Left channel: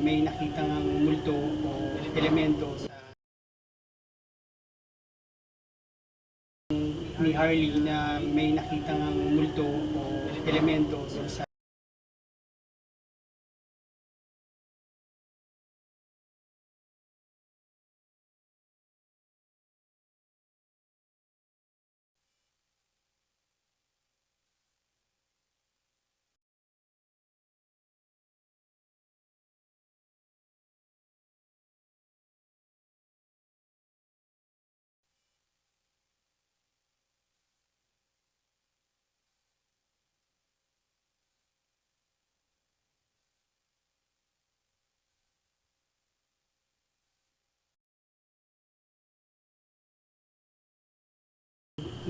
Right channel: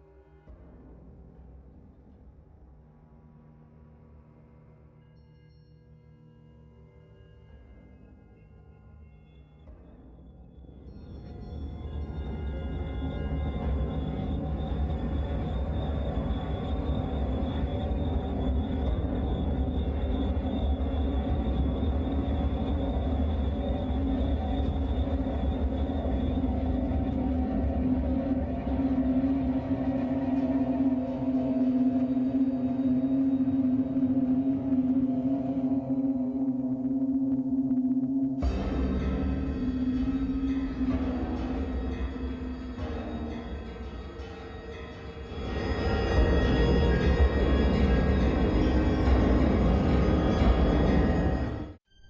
may nakitang multo o elemento sa ni Harley na may nakitang multo o elemento sa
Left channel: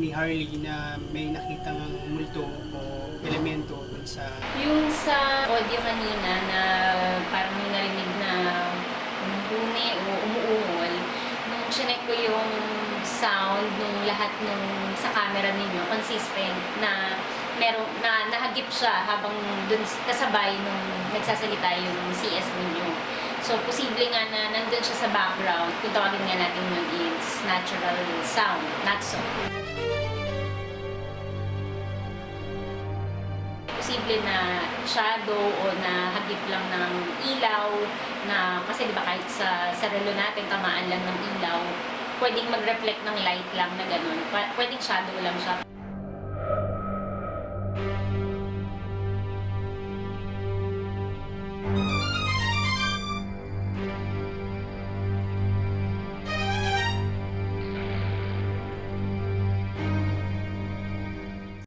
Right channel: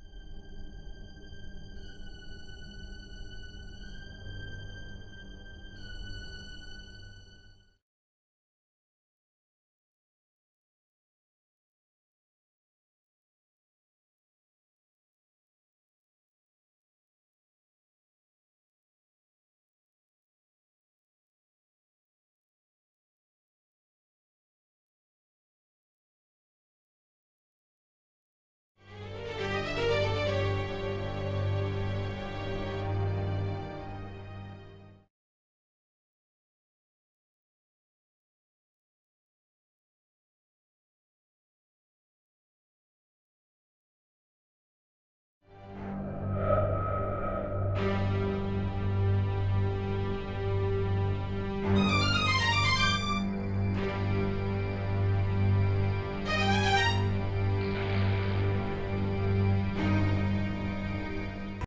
ni Harley na may nakitang multo o elemento dun sa Yung sa audio kanina na parang may narinig na umubuni o umuungol, nung chinek ko yung sound nung lahat nung sa camera ninyo, consistent na meron na nahagip siya habang dun kasabay nung nagsasalita yung CS ninyo. So, posible nga na nandun siya sa background. Kung tawagin nga natin yun, it's natural sound, not so. Posible na shadow o na hagip lang ng ilaw na kasi di ba kahit sa relo natin tamaan lang ng ilaw, pwedeng mag-reflect ng light lang na ganun. Pwedeng shadow lang siya.